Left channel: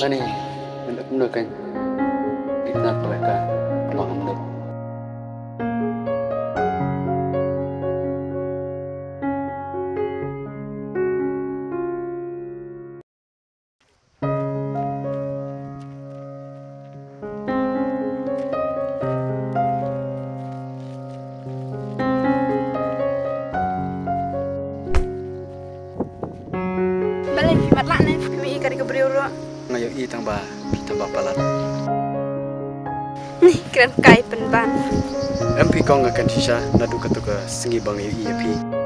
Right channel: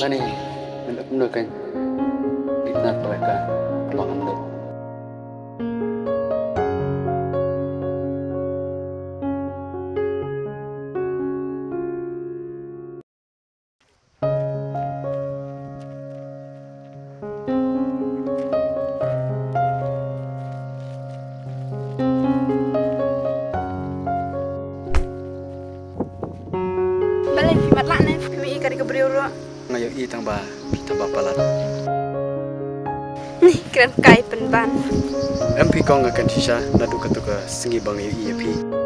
Lani, menurut kan, kita mereka peluang menurut. Balik fimat lah nih, kami ikan ke beriuru. Ngayo i tambah palat. Nih keren kai penban. MP kau ngakan sisa nadu ketuka sengi bang i api.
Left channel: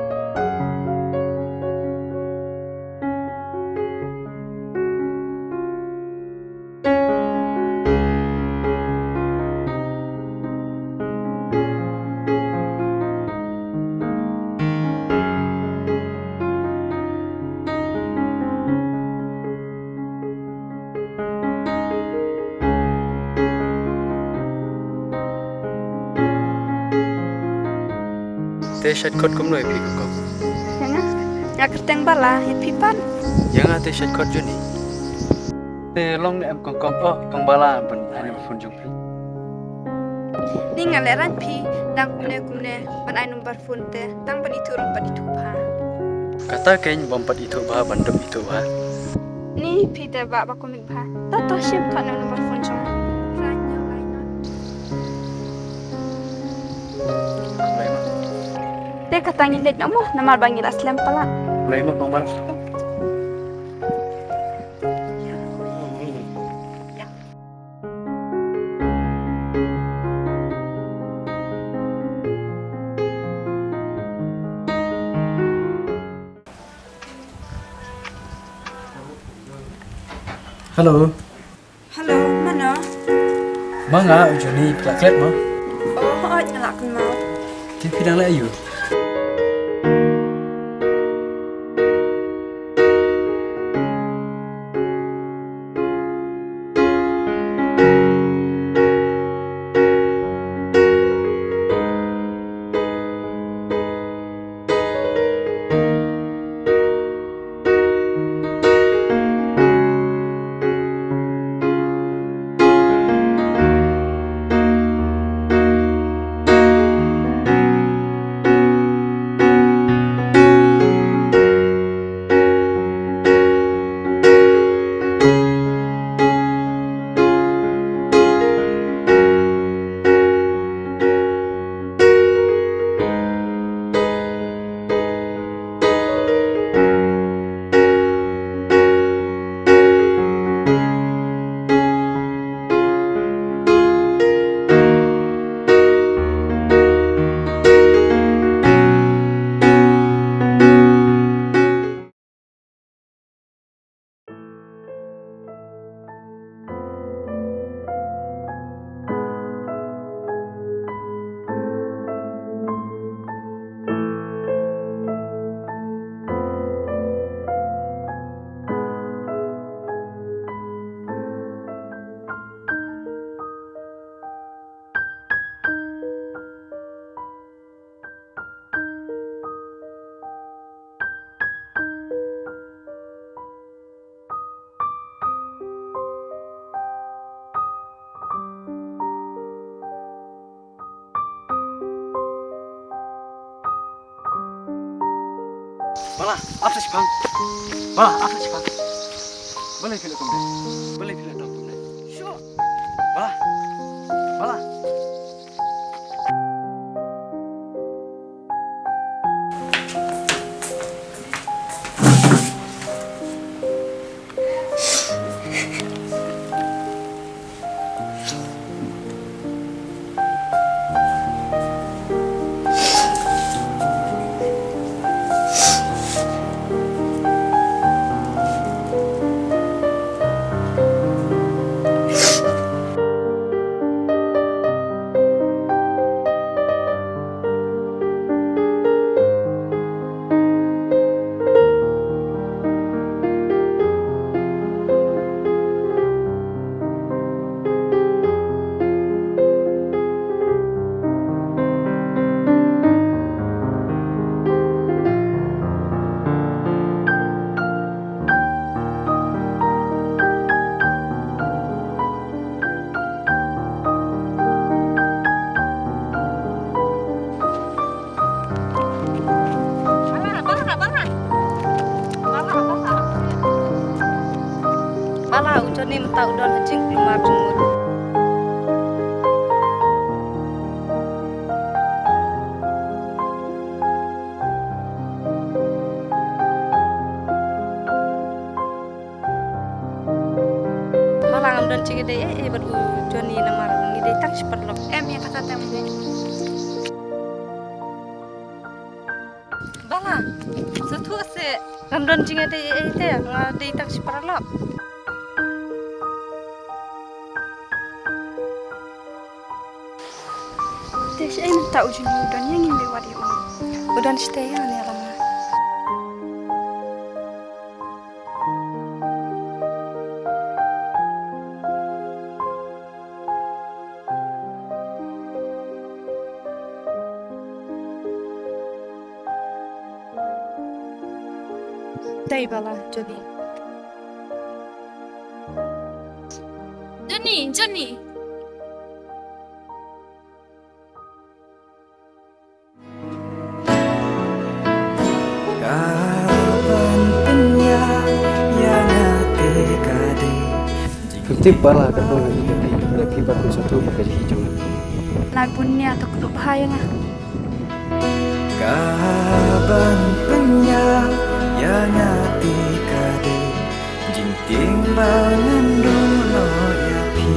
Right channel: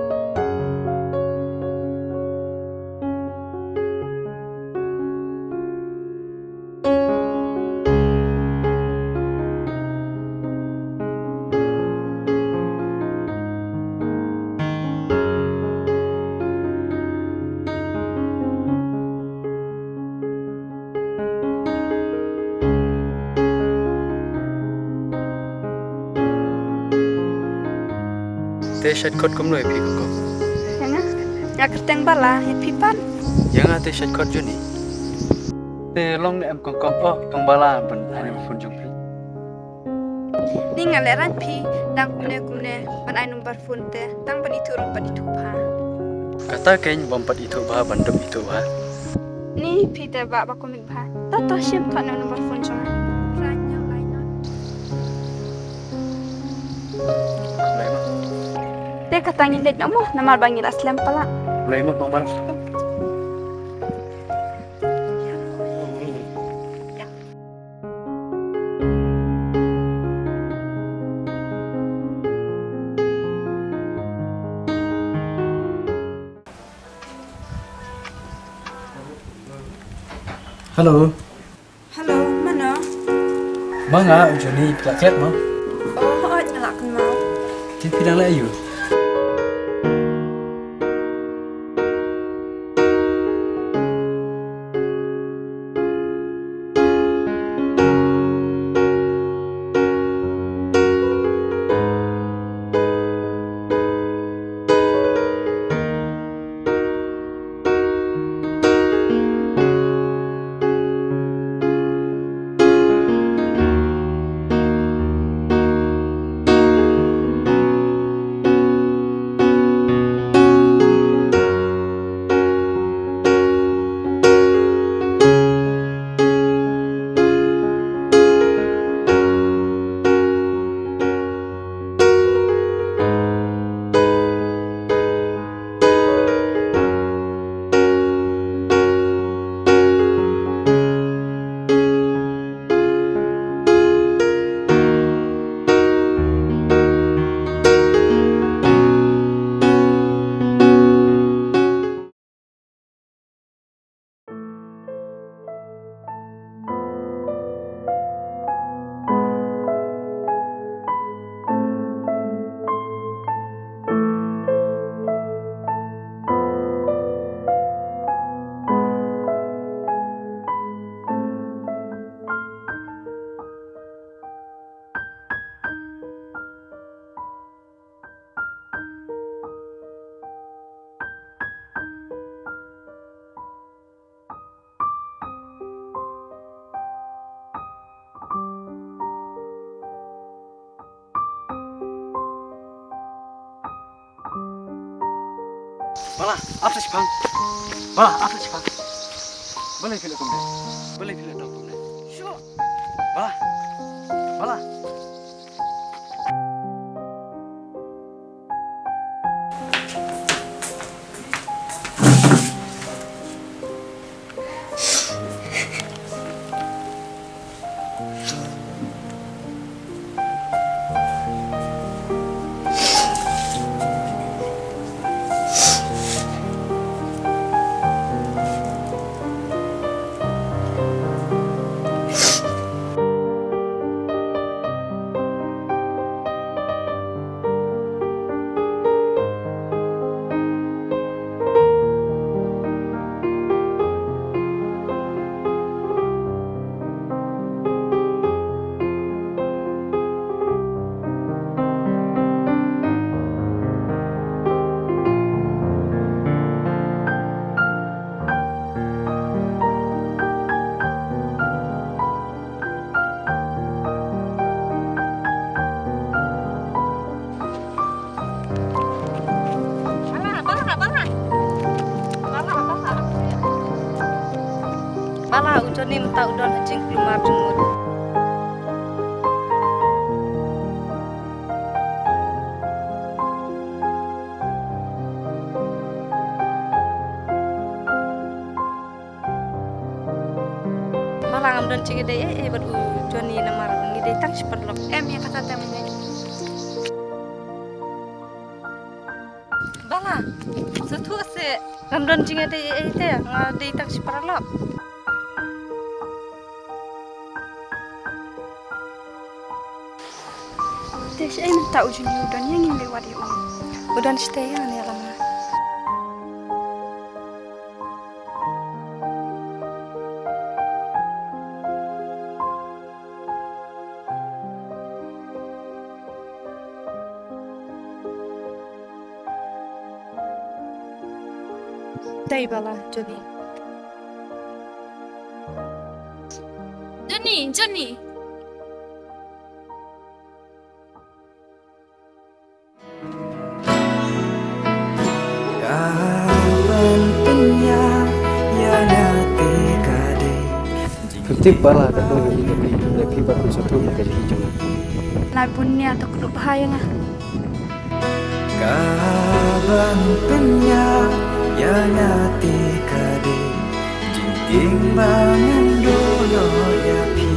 Te shat kot kum noi pi ko. Yang ya kerteng bala ya pipan. Yang te shat kot juni. Te long em kong oh kong bala ben ani fun jung pi. Ni ngaleran pi dang kumne ban ai number phone te dang ban itu rong ban itu pa. Kata kain bompat itu bah bandum itu bah. Ni pi te ba komik ba. To shim ta number phone jong. Ranya lainan. Te katangin let namo namar bangil aslam pala. Mulai mo bang Halo. Halo, mana? Manga Johnny plaklet mo. Oh, nyalakan mau. Ti pidang la ayu. Bala, apa sih bang? Bala, apa sih bang? Boleh pilih kum deh. Boleh pilih dong kum deh. Sure. Bala, bala. Bala ujon ni mta udon hajing lumar jumut. Bala ngam don cigi deh ber ujon ni namar ni deh tak seperlok. Ya kata temu deh. Bala, setu se ngam don cigi deh deh tak seperlok. Des ay minta ujun udan yang ingin lewat ya udan stay ya nih lama. Day bala Johnny. Johnny. Kapan penya yang hati kade Fiktif bala kado lebih bagus satu gaji hijau. Lai punya atau kedua bahaya ngah. Kapan penya yang hati kade jing timbangan dulu ya pi